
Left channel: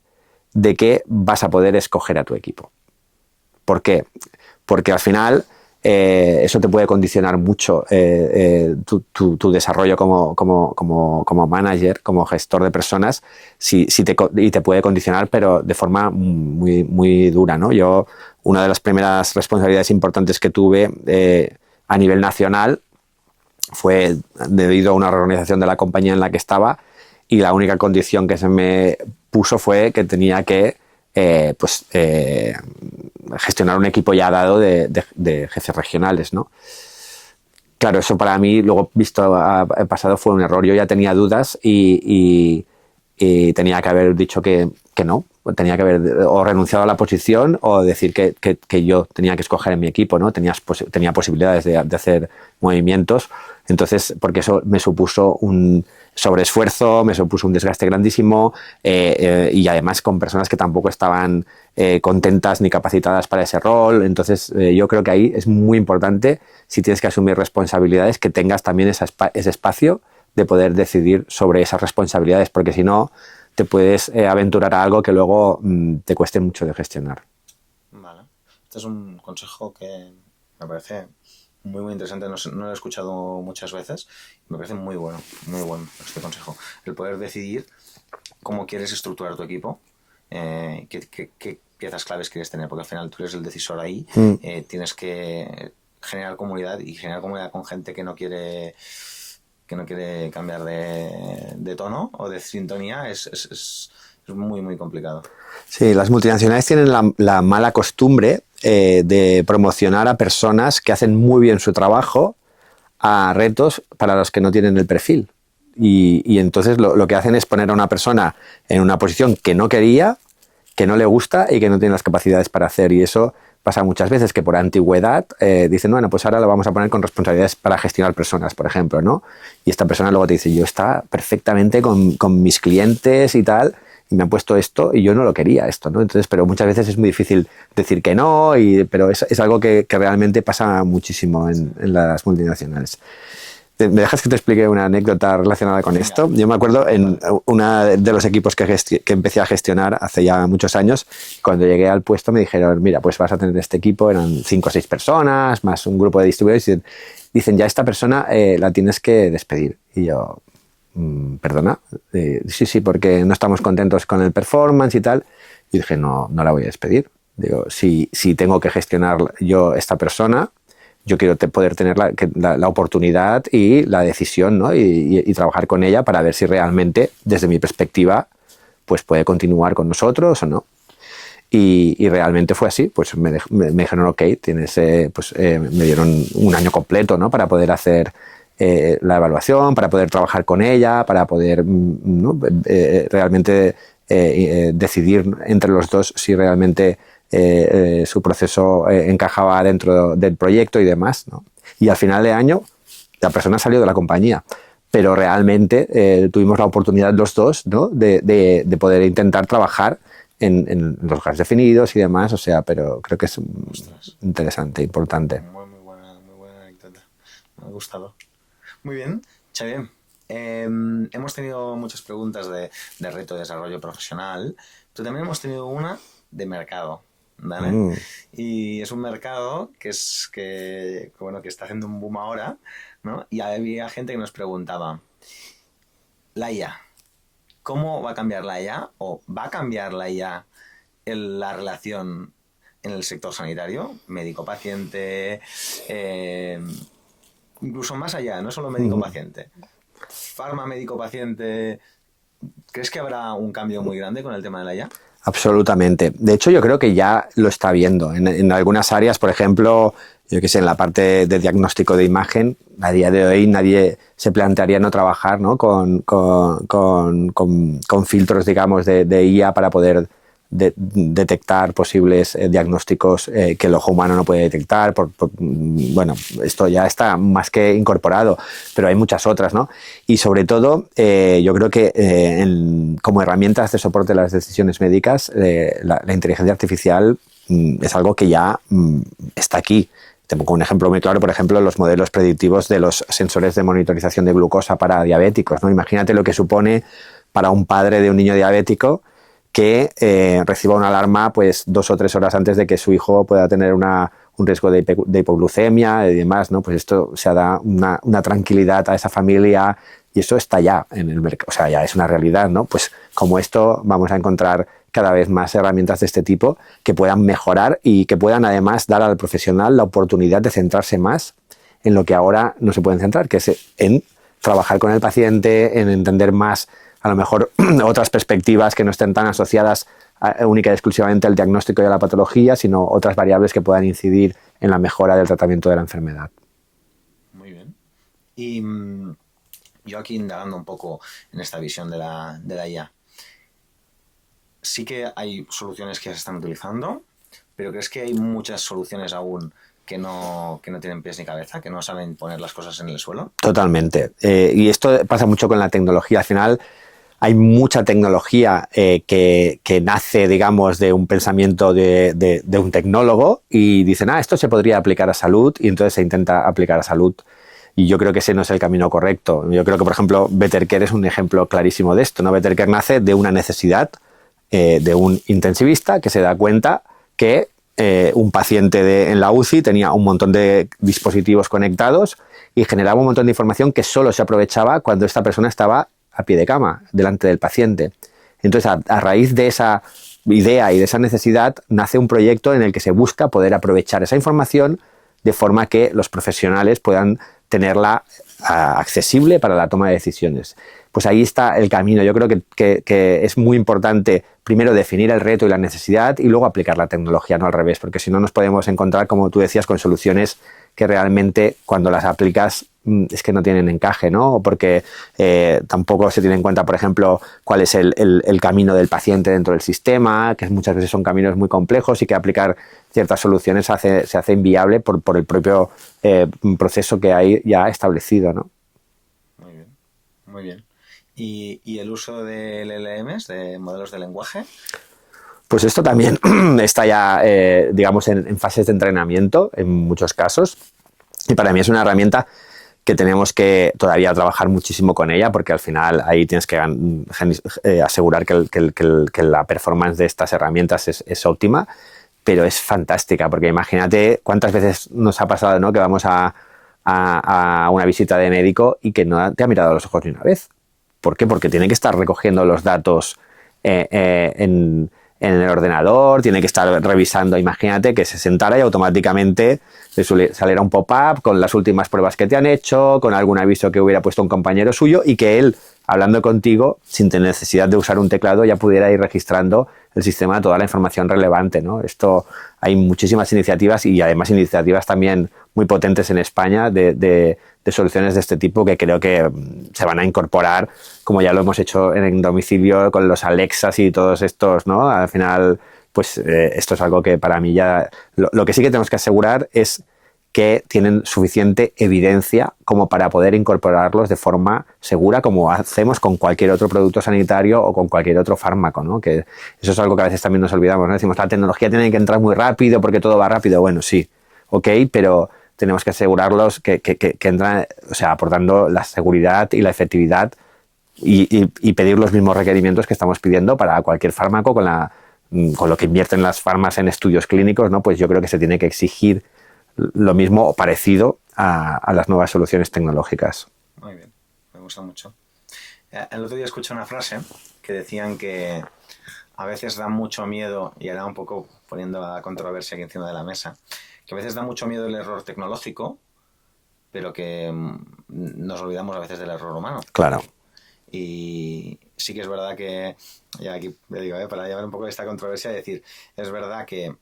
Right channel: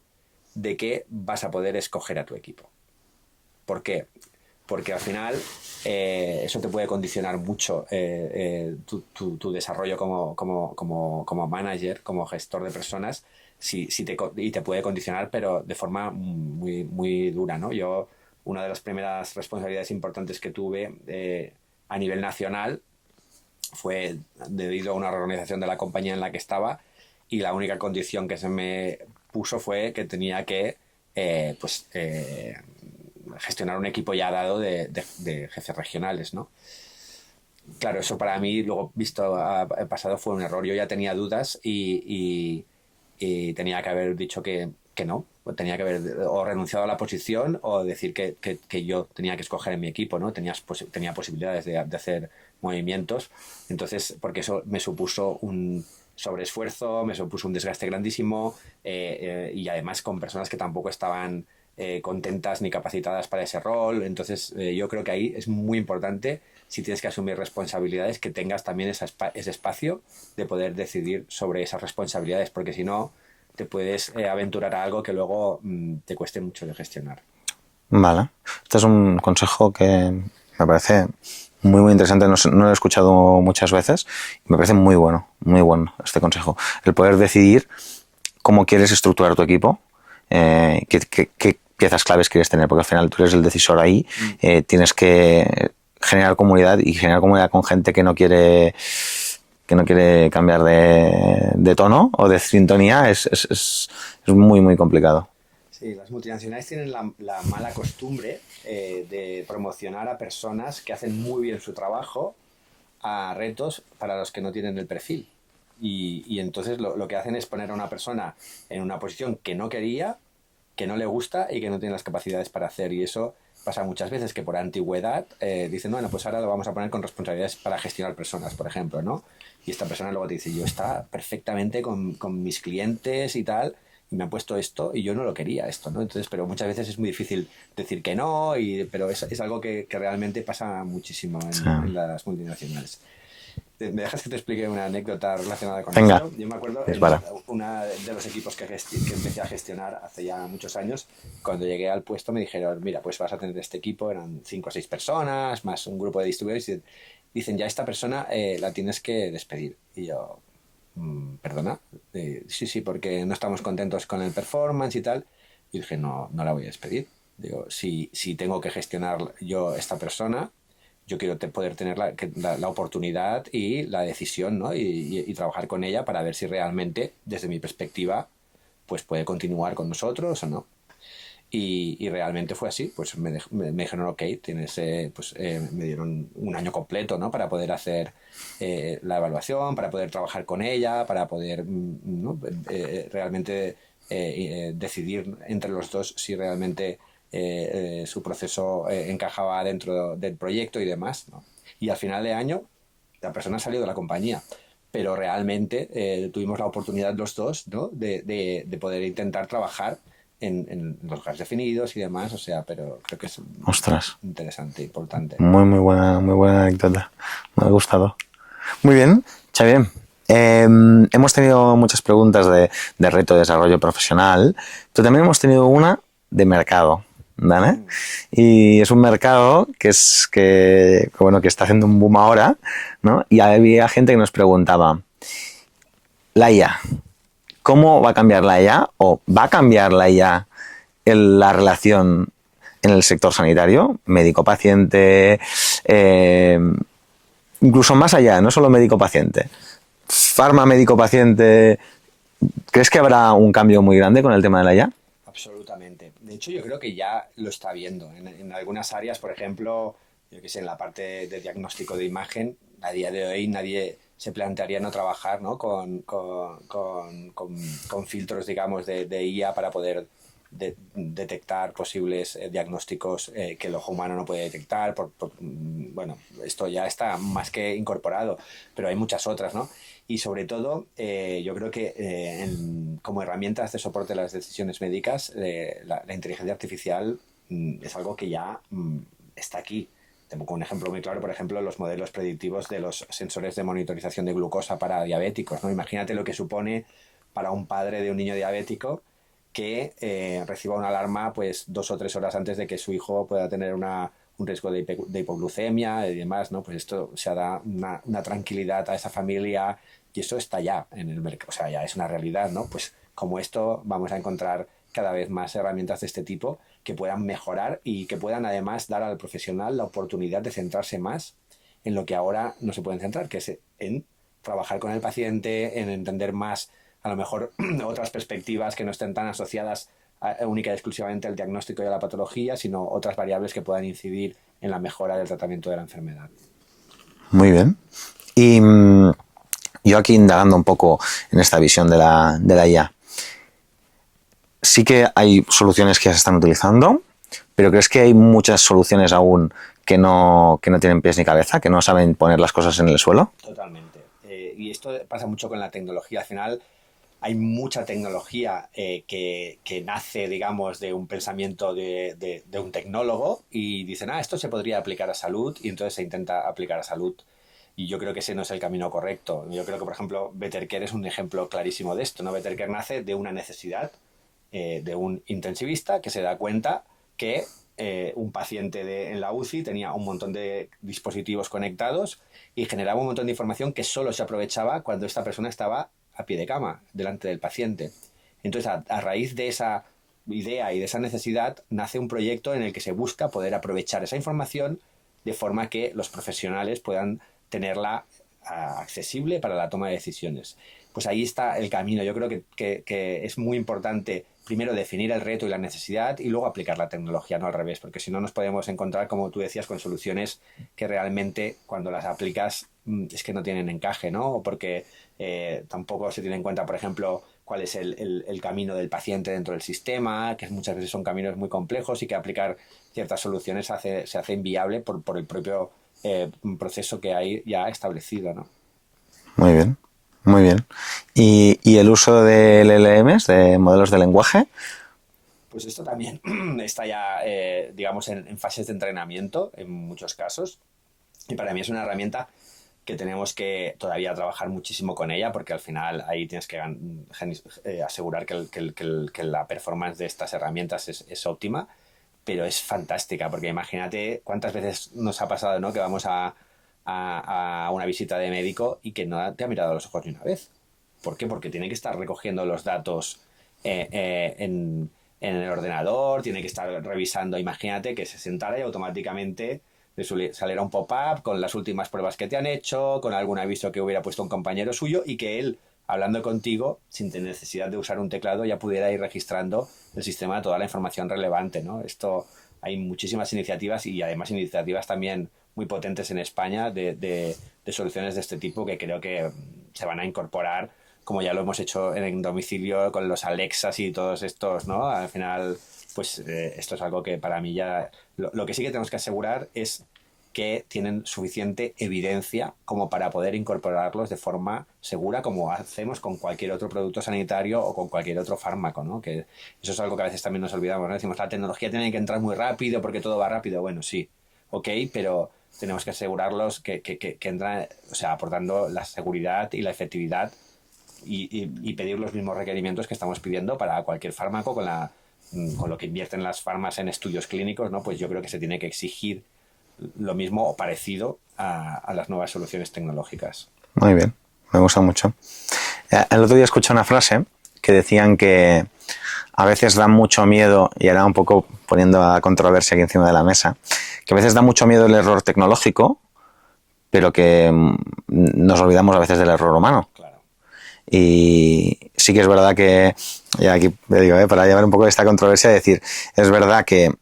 de que vas a poder escoger a tu equipo. ¿Por qué? Porque al final eso te puede condicionar mucho tu desarrollo como manager, como gestor de personas, y te puede condicionar, pero de forma muy, muy dura, ¿no? Una de las primeras responsabilidades importantes que tuve a nivel nacional fue debido a una reorganización de la compañía en la que estaba, y la única condición que se me puso fue que tenía que gestionar un equipo ya dado de jefes regionales, ¿no? Claro, eso para mí, luego visto al pasado, fue un error. Yo ya tenía dudas y tenía que haber dicho que no. Tenía que haber o renunciado a la posición o decir que yo tenía que escoger en mi equipo, ¿no? Tenía posibilidades de hacer movimientos. Entonces, porque eso me supuso un sobreesfuerzo, me supuso un desgaste grandísimo, y además con personas que tampoco estaban contentas ni capacitadas para ese rol. Entonces, yo creo que ahí es muy importante, si tienes que asumir responsabilidades, que tengas también ese espacio de poder decidir sobre esas responsabilidades, porque si no, te puedes aventurar a algo que luego te cueste mucho de gestionar. Vale. Este es un consejo que me parece muy, muy interesante. No lo he escuchado muchas veces. Me parece muy bueno este consejo. El poder decidir cómo quieres estructurar tu equipo, qué piezas claves quieres tener, porque al final tú eres el decisor ahí. Tienes que generar comunidad con gente que no quiere cambiar de tono o de sintonía. Es muy, muy complicado. Sí, las multinacionales tienen la mala costumbre de promocionar a personas que hacen muy bien su trabajo a retos para los que no tienen el perfil. Y entonces lo que hacen es poner a una persona en una posición que no quería, que no le gusta y que no tiene las capacidades para hacer. Y eso pasa muchas veces, que por antigüedad dicen, bueno, pues ahora lo vamos a poner con responsabilidades para gestionar personas, por ejemplo, ¿no? Y esta persona luego te dice, yo estaba perfectamente con mis clientes y tal, y me han puesto esto y yo no lo quería esto, ¿no? Entonces, pero muchas veces es muy difícil decir que no, pero es algo que realmente pasa muchísimo en las multinacionales. ¿Me dejas que te explique una anécdota relacionada con esto? Yo me acuerdo en uno de los equipos que empecé a gestionar hace ya muchos años, cuando llegué al puesto me dijeron, mira, pues vas a tener este equipo, eran 5 o 6 personas, más un grupo de distribuidores, y dicen, ya esta persona la tienes que despedir. Y yo, ¿perdona? Sí, porque no estamos contentos con el performance y tal. Y dije, no la voy a despedir. Digo, si tengo que gestionar yo esta persona, yo quiero poder tener la oportunidad y la decisión, ¿no? y trabajar con ella para ver si realmente, desde mi perspectiva, pues puede continuar con nosotros o no. Y realmente fue así. Pues me dijeron, ok, me dieron un año completo, ¿no?, para poder hacer la evaluación, para poder trabajar con ella, para poder realmente decidir entre los dos si realmente su proceso encajaba dentro del proyecto y demás, ¿no? Y al final de año la persona salió de la compañía, pero realmente tuvimos la oportunidad los dos, ¿no? de poder intentar trabajar en los gas definidos y demás, o sea, pero creo que es Ostras. interesante, importante. Muy buena anécdota. Me ha gustado. Muy bien, Xavier. Hemos tenido muchas preguntas de reto de desarrollo profesional, pero también hemos tenido una de mercado, ¿vale? Y es un mercado que está haciendo un boom ahora, ¿no? Y había gente que nos preguntaba, la IA, ¿cómo va a cambiar la IA o va a cambiar la IA en la relación en el sector sanitario, médico-paciente, incluso más allá, no solo médico-paciente, farma médico-paciente? ¿Crees que habrá un cambio muy grande con el tema de la IA? Absolutamente. De hecho, yo creo que ya lo está viendo. En algunas áreas, por ejemplo, yo que sé, en la parte de diagnóstico de imagen, a día de hoy nadie se plantearía no trabajar, ¿no? con filtros, digamos, de IA para poder detectar posibles diagnósticos que el ojo humano no puede detectar. Bueno, esto ya está más que incorporado, pero hay muchas otras, ¿no? Y sobre todo, yo creo que como herramientas de soporte de las decisiones médicas, la inteligencia artificial es algo que ya está aquí. Te pongo un ejemplo muy claro, por ejemplo, los modelos predictivos de los sensores de monitorización de glucosa para diabéticos, ¿no? Imagínate lo que supone para un padre de un niño diabético que reciba una alarma pues 2 o 3 horas antes de que su hijo pueda tener un riesgo de hipoglucemia y demás, ¿no? Pues esto se da una tranquilidad a esa familia y eso está ya en el mercado, o sea, ya es una realidad, ¿no? Pues como esto vamos a encontrar cada vez más herramientas de este tipo que puedan mejorar y que puedan además dar al profesional la oportunidad de centrarse más en lo que ahora no se pueden centrar, que es en trabajar con el paciente, en entender más a lo mejor otras perspectivas que no estén tan asociadas única y exclusivamente al diagnóstico y a la patología, sino otras variables que puedan incidir en la mejora del tratamiento de la enfermedad. Muy bien. Y yo aquí indagando un poco en esta visión de la IA, sí que hay soluciones que ya se están utilizando, pero ¿crees que hay muchas soluciones aún que no tienen pies ni cabeza, que no saben poner las cosas en el suelo? Totalmente. Y esto pasa mucho con la tecnología. Al final hay mucha tecnología que nace, digamos, de un pensamiento de un tecnólogo y dicen, esto se podría aplicar a salud, y entonces se intenta aplicar a salud. Y yo creo que ese no es el camino correcto. Yo creo que, por ejemplo, Better Care es un ejemplo clarísimo de esto, ¿no? Better Care nace de una necesidad de un intensivista que se da cuenta que un paciente en la UCI tenía un montón de dispositivos conectados y generaba un montón de información que solo se aprovechaba cuando esta persona estaba a pie de cama, delante del paciente. Entonces, a raíz de esa idea y de esa necesidad, nace un proyecto en el que se busca poder aprovechar esa información de forma que los profesionales puedan tenerla accesible para la toma de decisiones. Pues ahí está el camino. Yo creo que es muy importante primero definir el reto y la necesidad y luego aplicar la tecnología, no al revés, porque si no nos podemos encontrar, como tú decías, con soluciones que realmente cuando las aplicas es que no tienen encaje, ¿no? O porque tampoco se tiene en cuenta, por ejemplo, cuál es el camino del paciente dentro del sistema, que muchas veces son caminos muy complejos y que aplicar ciertas soluciones se hace inviable por el propio proceso que hay ya establecido, ¿no? Muy bien, muy bien. ¿Y el uso de LLMs, de modelos de lenguaje? Pues esto también está ya, digamos, en fases de entrenamiento en muchos casos. Y para mí es una herramienta que tenemos que todavía trabajar muchísimo con ella, porque al final ahí tienes que asegurar que la performance de estas herramientas es óptima, pero es fantástica, porque imagínate cuántas veces nos ha pasado, ¿no?, que vamos a una visita de médico y que no te ha mirado a los ojos ni una vez. ¿Por qué? Porque tiene que estar recogiendo los datos en el ordenador, tiene que estar revisando. Imagínate que se sentara y automáticamente le saliera un pop-up con las últimas pruebas que te han hecho, con algún aviso que hubiera puesto un compañero suyo y que él, hablando contigo, sin tener necesidad de usar un teclado, ya pudiera ir registrando el sistema toda la información relevante, ¿no? Esto, hay muchísimas iniciativas y además iniciativas también muy potentes en España de soluciones de este tipo que creo que se van a incorporar, como ya lo hemos hecho en el domicilio con los Alexas y todos estos, ¿no? Al final pues esto es algo que para mí ya... Lo que sí que tenemos que asegurar es que tienen suficiente evidencia como para poder incorporarlos de forma segura, como hacemos con cualquier otro producto sanitario o con cualquier otro fármaco, ¿no? Que eso es algo que a veces también nos olvidamos, ¿no? Decimos, la tecnología tiene que entrar muy rápido porque todo va rápido. Bueno, sí, ok, pero tenemos que asegurarlos que entran, o sea, aportando la seguridad y la efectividad y pedir los mismos requerimientos que estamos pidiendo para cualquier fármaco con lo que invierten las farmas en estudios clínicos, ¿no? Pues yo creo que se tiene que exigir lo mismo o parecido a las nuevas soluciones tecnológicas. Muy bien, me gusta mucho. El otro día escuché una frase que decían que a veces da mucho miedo, y ahora un poco poniendo a controversia aquí encima de la mesa, que a veces da mucho miedo el error tecnológico, pero que nos olvidamos a veces del error humano. Claro. Y sí que es verdad que, y aquí me digo, para llevar un poco esta controversia, decir, es verdad que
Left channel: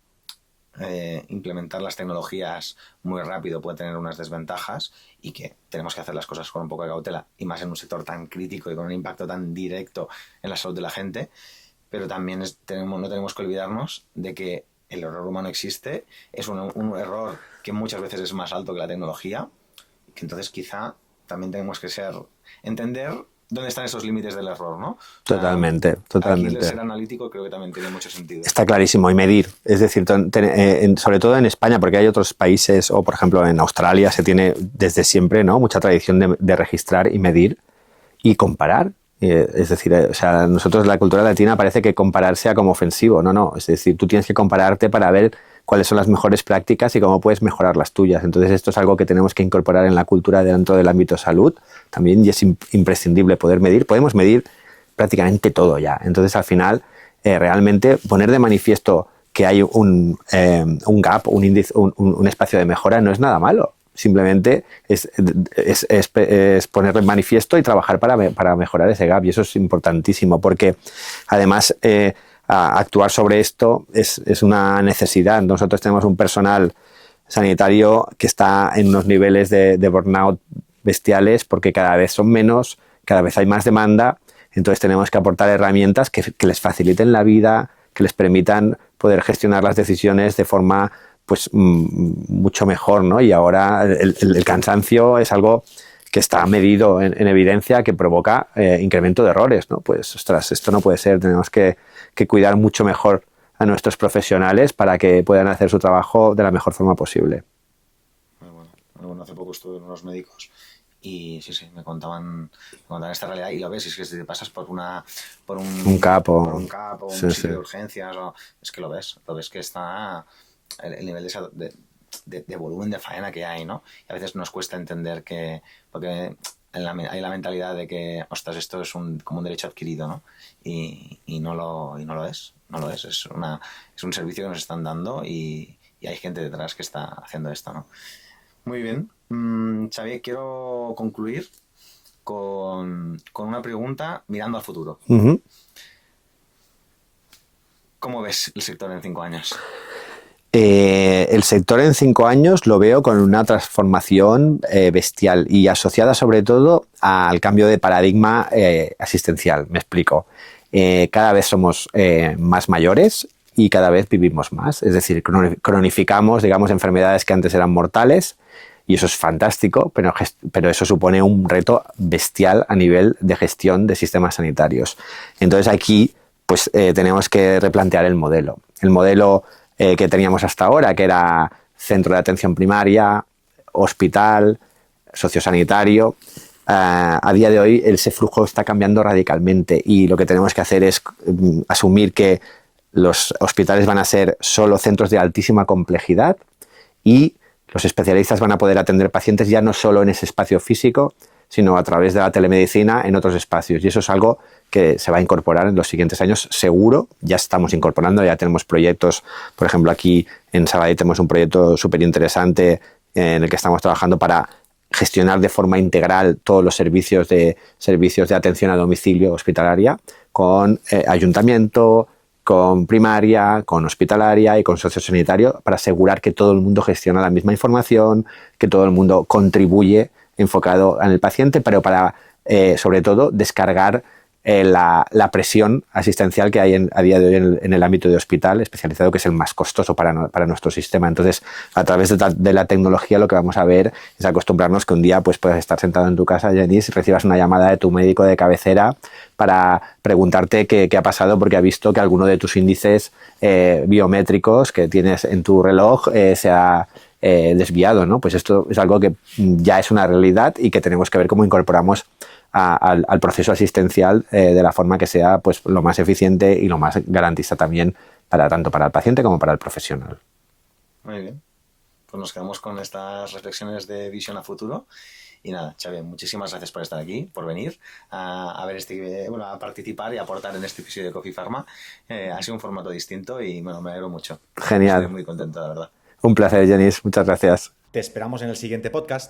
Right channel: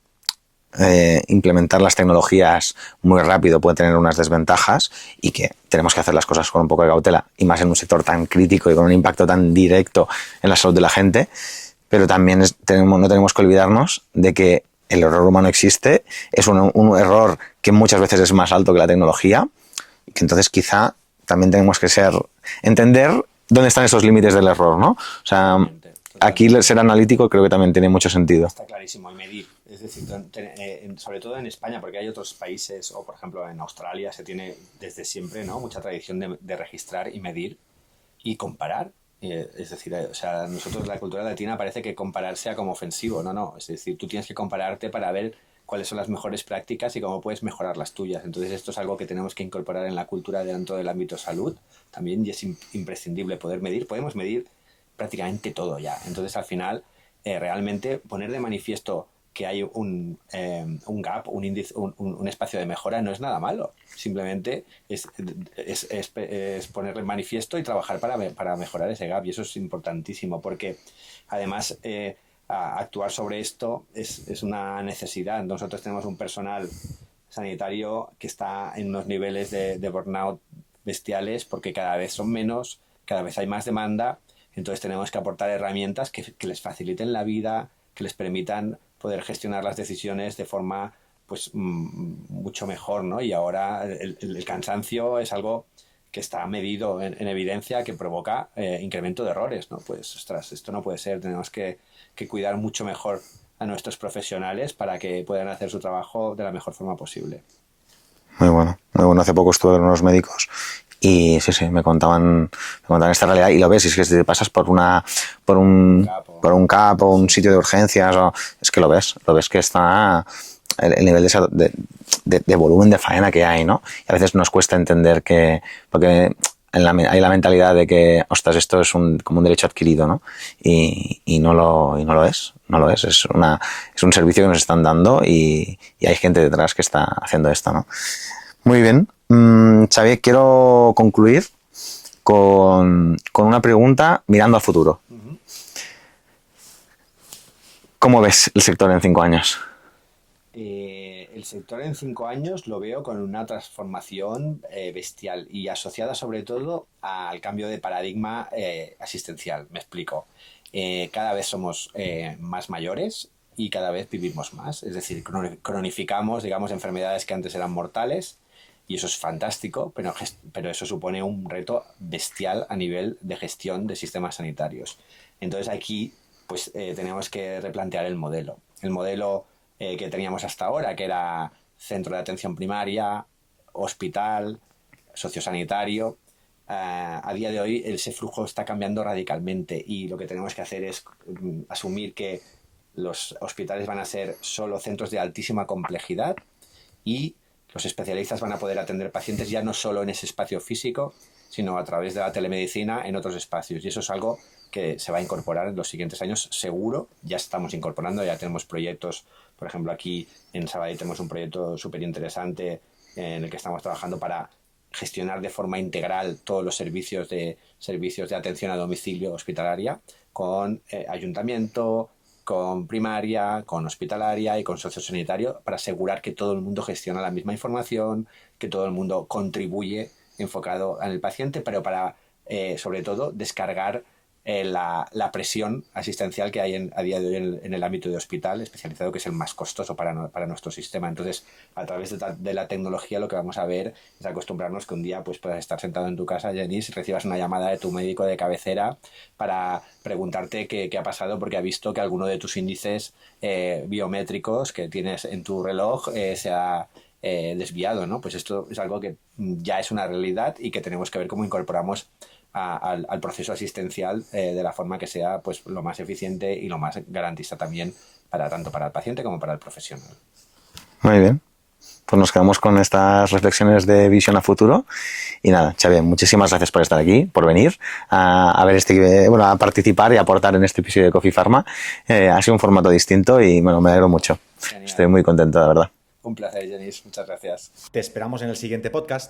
implementar las tecnologías muy rápido puede tener unas desventajas y que tenemos que hacer las cosas con un poco de cautela, y más en un sector tan crítico y con un impacto tan directo en la salud de la gente, pero también no tenemos que olvidarnos de que el error humano existe, es un error que muchas veces es más alto que la tecnología, y que entonces quizá también tenemos que entender dónde están esos límites del error, ¿no? O sea, totalmente. Aquí ser analítico creo que también tiene mucho sentido. Está clarísimo, y medir. Es decir, sobre todo en España, porque hay otros países, o por ejemplo en Australia se tiene desde siempre, ¿no?, mucha tradición de registrar y medir y comparar. Es decir, o sea, nosotros la cultura latina parece que comparar sea como ofensivo. No. Es decir, tú tienes que compararte para ver cuáles son las mejores prácticas y cómo puedes mejorar las tuyas. Entonces esto es algo que tenemos que incorporar en la cultura dentro del ámbito salud también, y es imprescindible poder medir. Podemos medir prácticamente todo ya. Entonces al final realmente poner de manifiesto que hay un gap, un espacio de mejora no es nada malo. Simplemente es poner en manifiesto y trabajar para mejorar ese gap, y eso es importantísimo porque además actuar sobre esto es una necesidad. Nosotros tenemos un personal sanitario que está en unos niveles de burnout bestiales porque cada vez son menos, cada vez hay más demanda, entonces tenemos que aportar herramientas que les faciliten la vida, que les permitan poder gestionar las decisiones de forma pues mucho mejor, ¿no? Y ahora el cansancio es algo que está medido en evidencia, que provoca incremento de errores, ¿no? Pues, ostras, esto no puede ser. Tenemos que cuidar mucho mejor a nuestros profesionales para que puedan hacer su trabajo de la mejor forma posible. Muy bueno, muy bueno. Hace poco estuve con unos médicos y sí, me contaban esta realidad, y lo ves, y es que si te pasas por un CAP o un sitio de urgencias, es que lo ves que está el nivel de volumen de faena que hay, ¿no? Y a veces nos cuesta entender porque hay la mentalidad de que, ostras, esto es como un derecho adquirido, ¿no? Y no lo es. Es un servicio que nos están dando y hay gente detrás que está haciendo esto, ¿no? Muy bien. Xavier, quiero concluir con una pregunta mirando al futuro. Uh-huh. ¿Cómo ves el sector en 5 años? El sector en 5 años lo veo con una transformación bestial y asociada sobre todo al cambio de paradigma asistencial. Me explico. Cada vez somos más mayores y cada vez vivimos más. Es decir, cronificamos, digamos, enfermedades que antes eran mortales, y eso es fantástico, pero eso supone un reto bestial a nivel de gestión de sistemas sanitarios. Entonces aquí pues tenemos que replantear el modelo. El modelo que teníamos hasta ahora, que era centro de atención primaria, hospital, sociosanitario. A día de hoy ese flujo está cambiando radicalmente, y lo que tenemos que hacer es asumir que los hospitales van a ser solo centros de altísima complejidad, y los especialistas van a poder atender pacientes ya no solo en ese espacio físico, sino a través de la telemedicina en otros espacios. Y eso es algo que se va a incorporar en los siguientes años, seguro. Ya estamos incorporando, ya tenemos proyectos. Por ejemplo, aquí en Sabadell tenemos un proyecto súper interesante en el que estamos trabajando para gestionar de forma integral todos los servicios de atención a domicilio hospitalaria, con ayuntamiento, con primaria, con hospitalaria y con sociosanitario, para asegurar que todo el mundo gestiona la misma información, que todo el mundo contribuye enfocado en el paciente, pero para, sobre todo, descargar la presión asistencial que hay a día de hoy en el ámbito de hospital especializado, que es el más costoso para nuestro sistema. Entonces, a través de la tecnología, lo que vamos a ver es acostumbrarnos que un día pues puedas estar sentado en tu casa, Genís, recibas una llamada de tu médico de cabecera para preguntarte qué ha pasado porque ha visto que alguno de tus índices biométricos que tienes en tu reloj se ha desviado, ¿no? Pues esto es algo que ya es una realidad y que tenemos que ver cómo incorporamos al proceso asistencial de la forma que sea pues lo más eficiente y lo más garantista también tanto para el paciente como para el profesional. Muy bien. Pues nos quedamos con estas reflexiones de visión a futuro. Y nada, Xavier, muchísimas gracias por estar aquí, por venir a ver a participar y aportar en este episodio de Coffee Pharma. Ha sido un formato distinto y bueno, me alegro mucho. Genial. Estoy muy contento, de verdad. Un placer, Genís. Muchas gracias. Te esperamos en el siguiente podcast.